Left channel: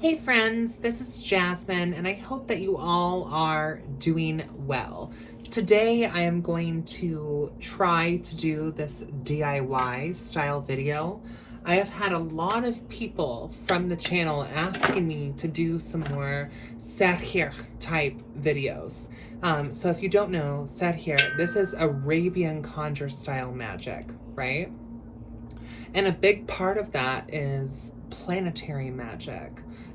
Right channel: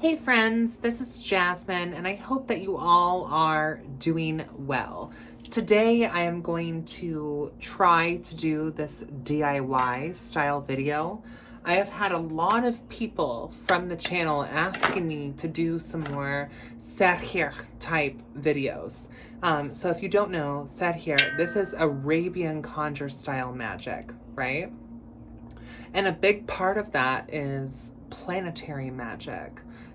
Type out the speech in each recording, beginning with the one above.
Hey friends, this is Jasmine, and I hope that you all are doing well. Today I am going to try to do this DIY style video. I have had a lot of people from the channel asking me to do some more Sahir type videos. So if you don't know, Sahir, this is Arabian conjure style magic, right? And a big part of that is planetary magic.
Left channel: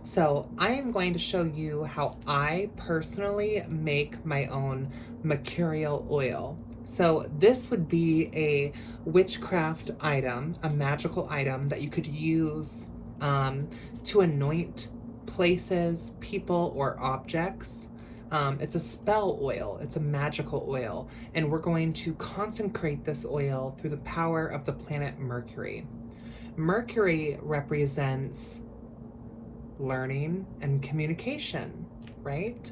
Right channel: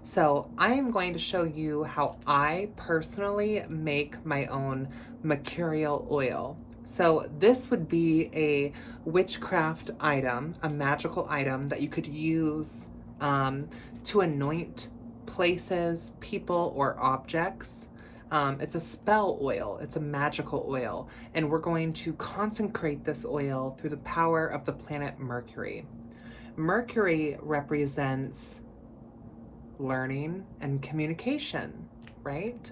So I am going to show you how I personally make my own mercurial oil. So this would be a witchcraft item, a magical item that you could use to anoint places, people, or objects. It's a spell oil, it's a magical oil, and we're going to consecrate this oil through the power of the planet Mercury. Mercury represents learning and communication, right?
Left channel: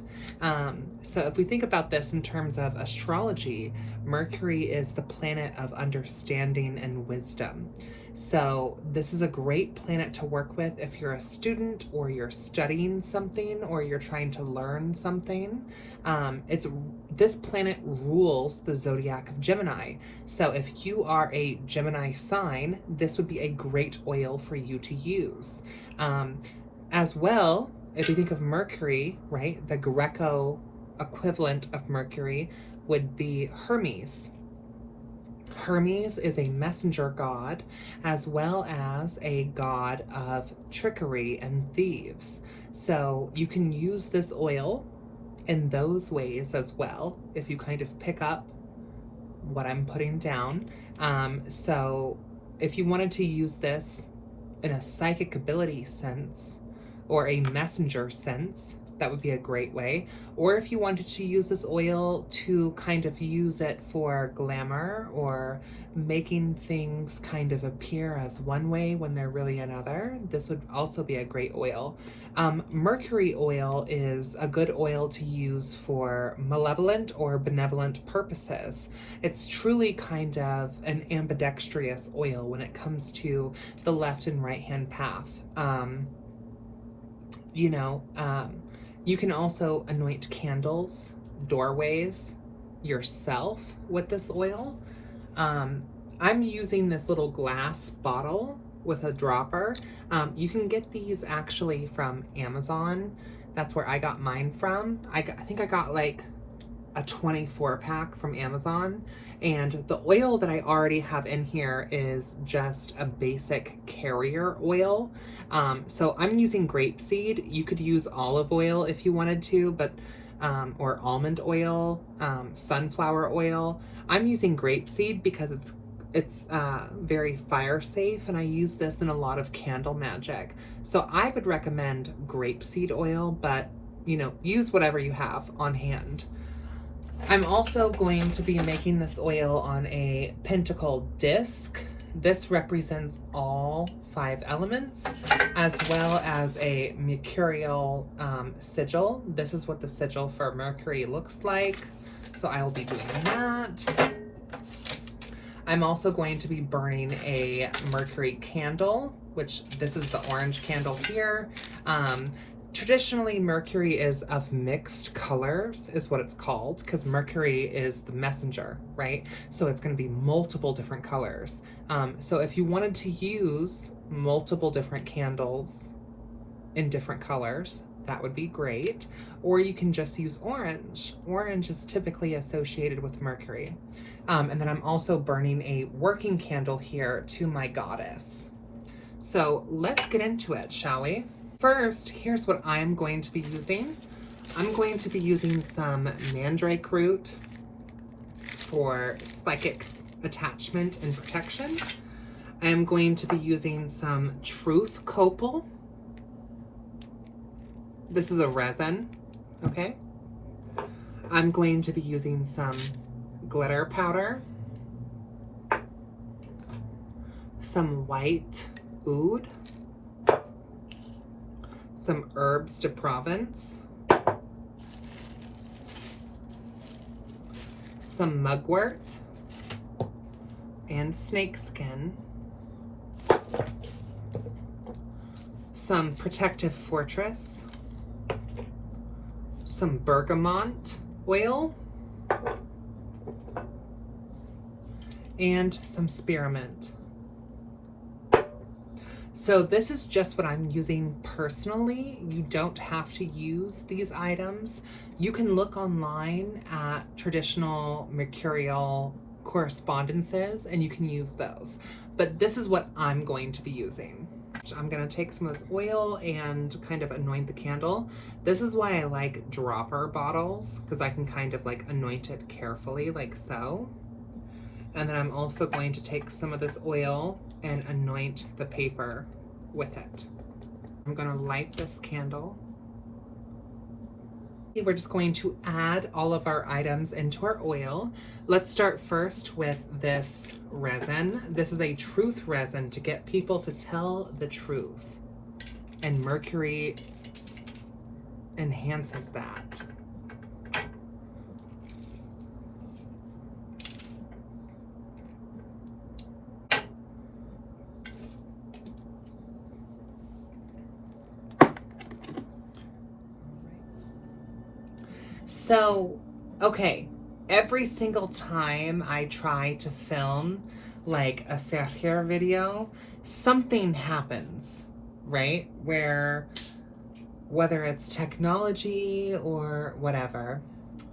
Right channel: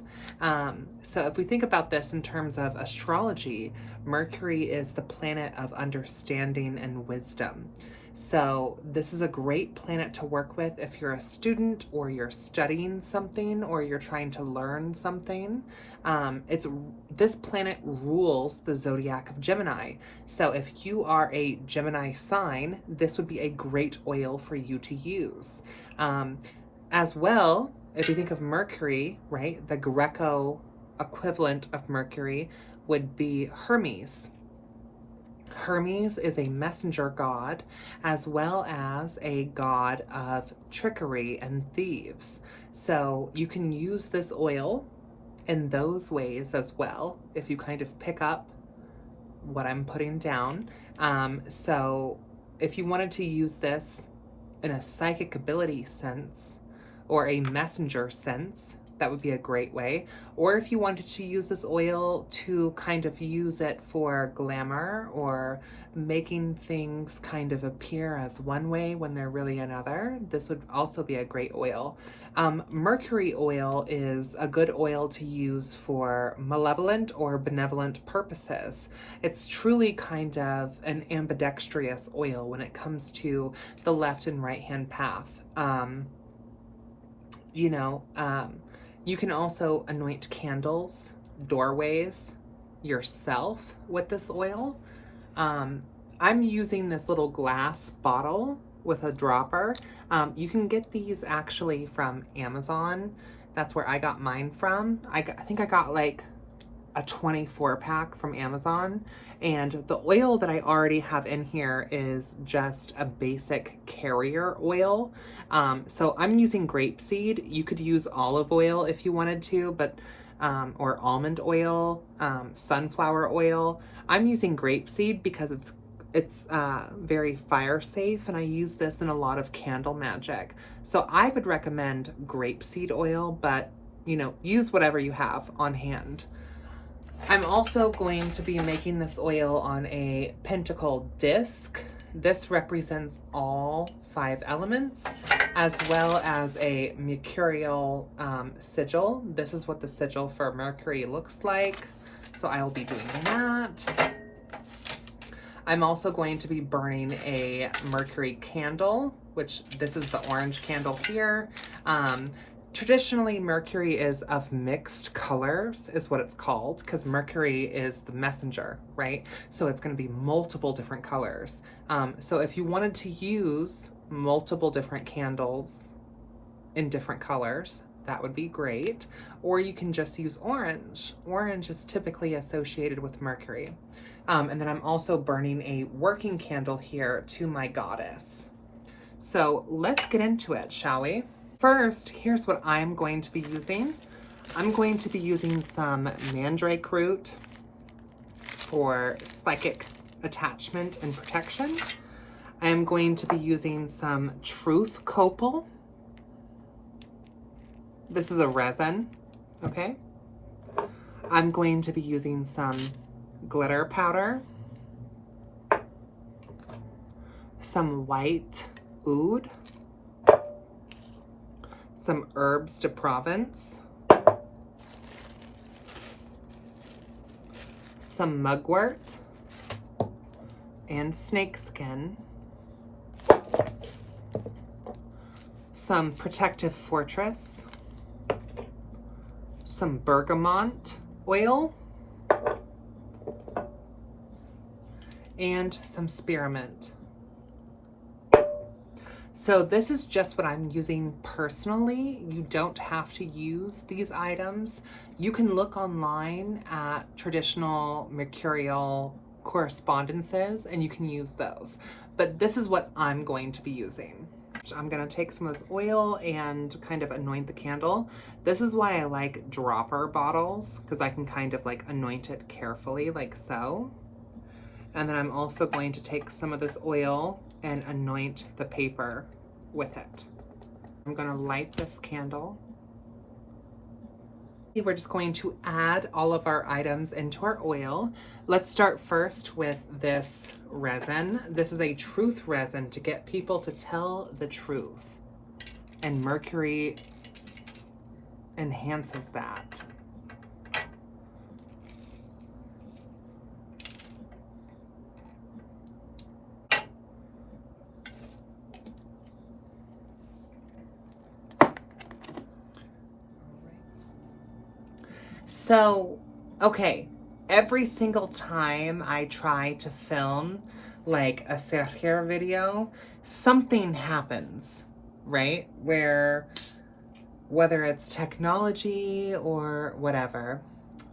So if we think about this in terms of astrology, Mercury is the planet of understanding and wisdom. So this is a great planet to work with if you're a student or you're studying something or you're trying to learn something. This planet rules the zodiac of Gemini. So if you are a Gemini sign, this would be a great oil for you to use. As well, if you think of Mercury, right, the Greco equivalent of Mercury would be Hermes. Hermes is a messenger god as well as a god of trickery and thieves. So you can use this oil in those ways as well if you kind of pick up what I'm putting down. So if you wanted to use this in a psychic ability sense or a messenger sense, that would be a great way. Or if you wanted to use this oil to kind of use it for glamour or making things kind of appear as one way when they're really another, this would also be a great oil. Mercury oil is a good oil to use for malevolent or benevolent purposes. It's truly kind of an ambidextrous oil when it comes to the left and right hand path. You can also anoint candles, doorways, yourself with this oil. I'm using this little glass bottle with a dropper. You can get these actually from Amazon. That's where I got mine from. I think I got like a 24 pack from Amazon, and the oil that I already have in here is just a basic carrier oil. So I'm using grapeseed. You could use olive oil if you wanted to, but or almond oil, sunflower oil. I'm using grapeseed because it's very fire safe, and I use this in a lot of candle magic. So I would recommend grapeseed oil, but use whatever you have on hand. I'm also going to be making this oil on a pentacle disc. This represents all 5 elements, as well as a mercurial sigil. This is what the sigil for Mercury looks like. So I will be doing that. I'm also going to be burning a Mercury candle, which this is the orange candle here. Traditionally, Mercury is of mixed colors, is what it's called, because Mercury is the messenger, right? So it's going to be multiple different colors. So if you wanted to use multiple different candles in different colors, that would be great. Or you can just use orange. Orange is typically associated with Mercury. And then I'm also burning a working candle here to my goddess. So let's get into it, shall we? First, here's what I'm going to be using. I'm going to be using some mandrake root for psychic attachment and protection. I am going to be using some truth copal. This is a resin, okay? I'm going to be using some glitter powder, some white oud, some herbs de Provence, some mugwort, and snakeskin, some Protective Fortress, some bergamot oil, and some spearmint. So this is just what I'm using personally. You don't have to use these items. You can look online at traditional mercurial correspondences and you can use those. But this is what I'm going to be using. So I'm going to take some of this oil and kind of anoint the candle. This is why I like dropper bottles, because I can kind of like anoint it carefully like so. And then I'm also going to take some of this oil and anoint the paper with it. I'm going to light this candle. We're just going to add all of our items into our oil. Let's start first with this resin. This is a truth resin to get people to tell the truth. And Mercury enhances that. So, okay, every single time I try to film like a Sergio video, something happens, right? Whether it's technology or whatever.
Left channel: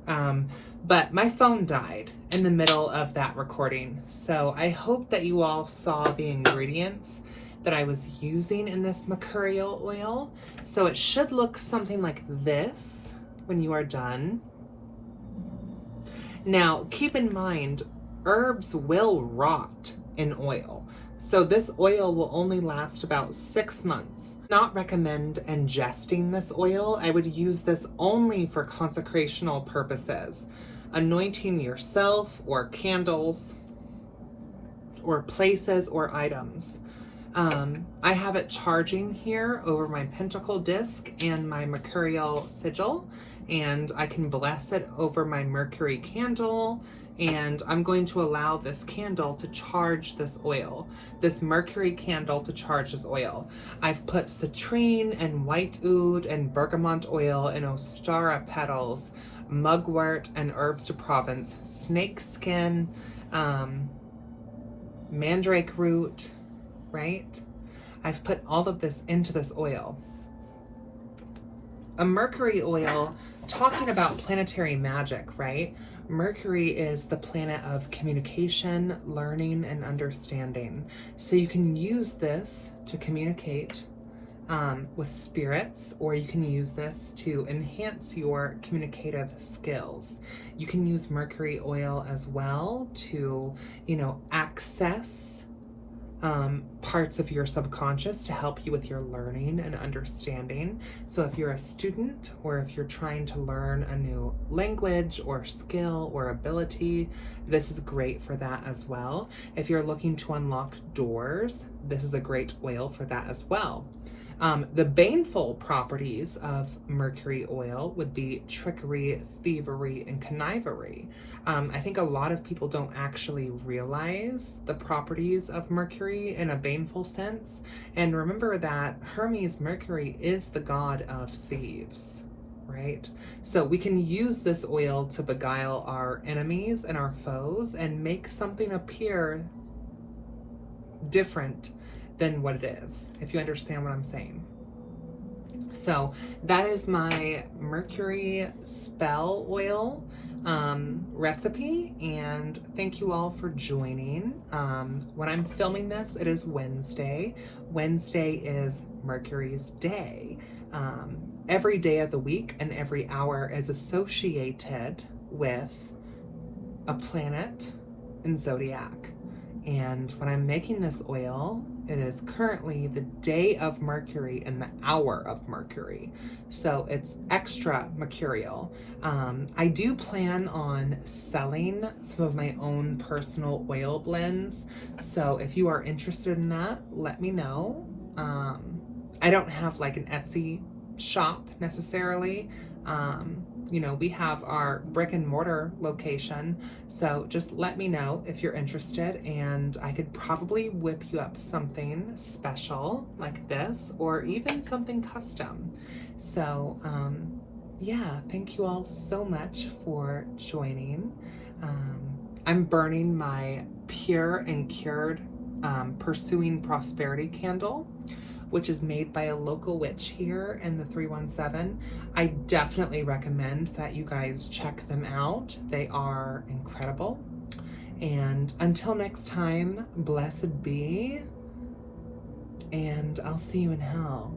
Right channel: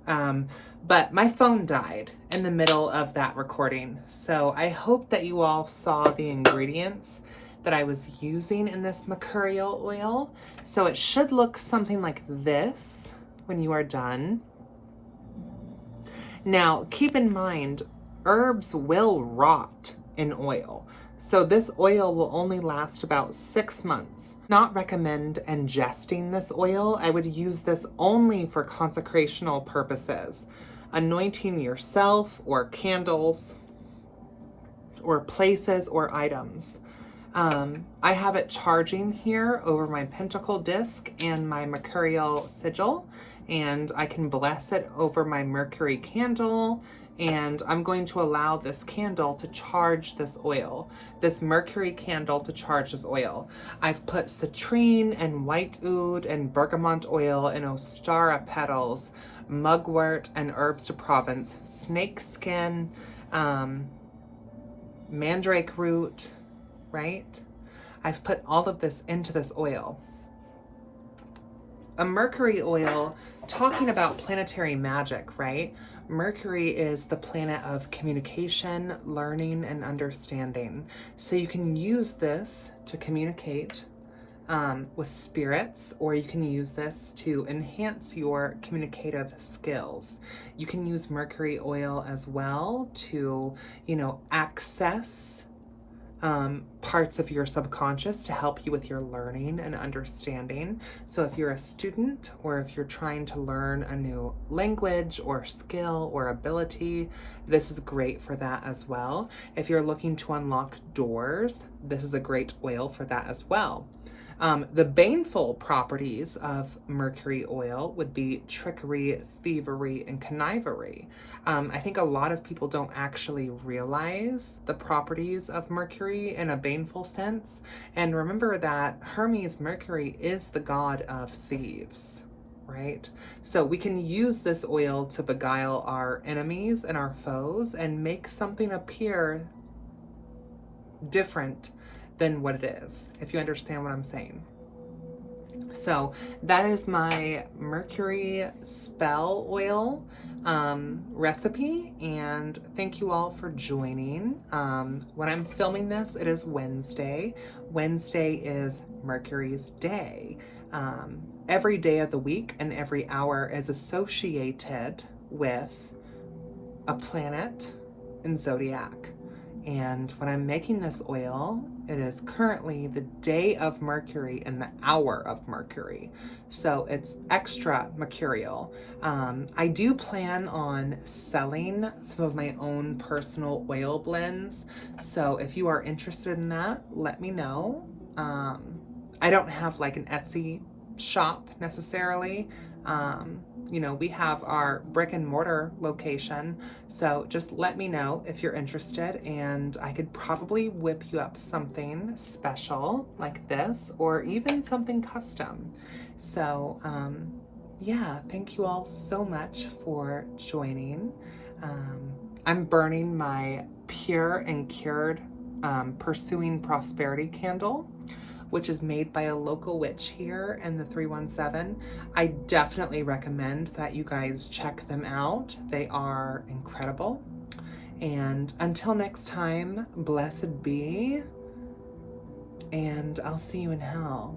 But my phone died in the middle of that recording. So I hope that you all saw the ingredients that I was using in this mercurial oil. So it should look something like this when you are done. Now, keep in mind, herbs will rot in oil. So this oil will only last about 6 months. Not recommend ingesting this oil. I would use this only for consecrational purposes. Anointing yourself or candles or places or items. I have it charging here over my pentacle disc and my mercurial sigil, and I can bless it over my Mercury candle, and I'm going to allow this candle to charge this oil, this Mercury candle to charge this oil. I've put citrine and white oud and bergamot oil and ostara petals, mugwort and herbs de Provence, snake skin, mandrake root, right? I've put all of this into this oil. A Mercury oil, talking about planetary magic, right? Mercury is the planet of communication, learning, and understanding. So you can use this to communicate with spirits, or you can use this to enhance your communicative skills. You can use Mercury oil as well to, access parts of your subconscious to help you with your learning and understanding. So if you're a student, or if you're trying to learn a new language or skill or ability, this is great for that as well. If you're looking to unlock doors, this is a great oil for that as well. The baneful properties of Mercury oil would be trickery, thievery, and connivery. I think a lot of people don't actually realize the properties of Mercury in a baneful sense. And remember that Hermes Mercury is the god of thieves, right? So we can use this oil to beguile our enemies and our foes and make something appear different than what it is, if you understand what I'm saying. So that is my Mercury spell oil recipe, and thank you all for joining. When I'm filming this, it is Wednesday. Wednesday is Mercury's day. Every day of the week and every hour is associated with a planet in zodiac. And when I'm making this oil, it is currently the day of Mercury and the hour of Mercury. So it's extra mercurial. I do plan on selling some of my own personal oil blends. So if you are interested in that, let me know. I don't have like an Etsy shop necessarily. you know, we have our brick and mortar location. So just let me know if you're interested, and I could probably whip you up something special like this, or even something custom. So, yeah, thank you all so much for joining. I'm burning my Pure and Cured Pursuing Prosperity candle, which is made by a local witch here in the 317. I definitely recommend that you guys check them out. They are incredible. And until next time, blessed be, and I'll see you in hell.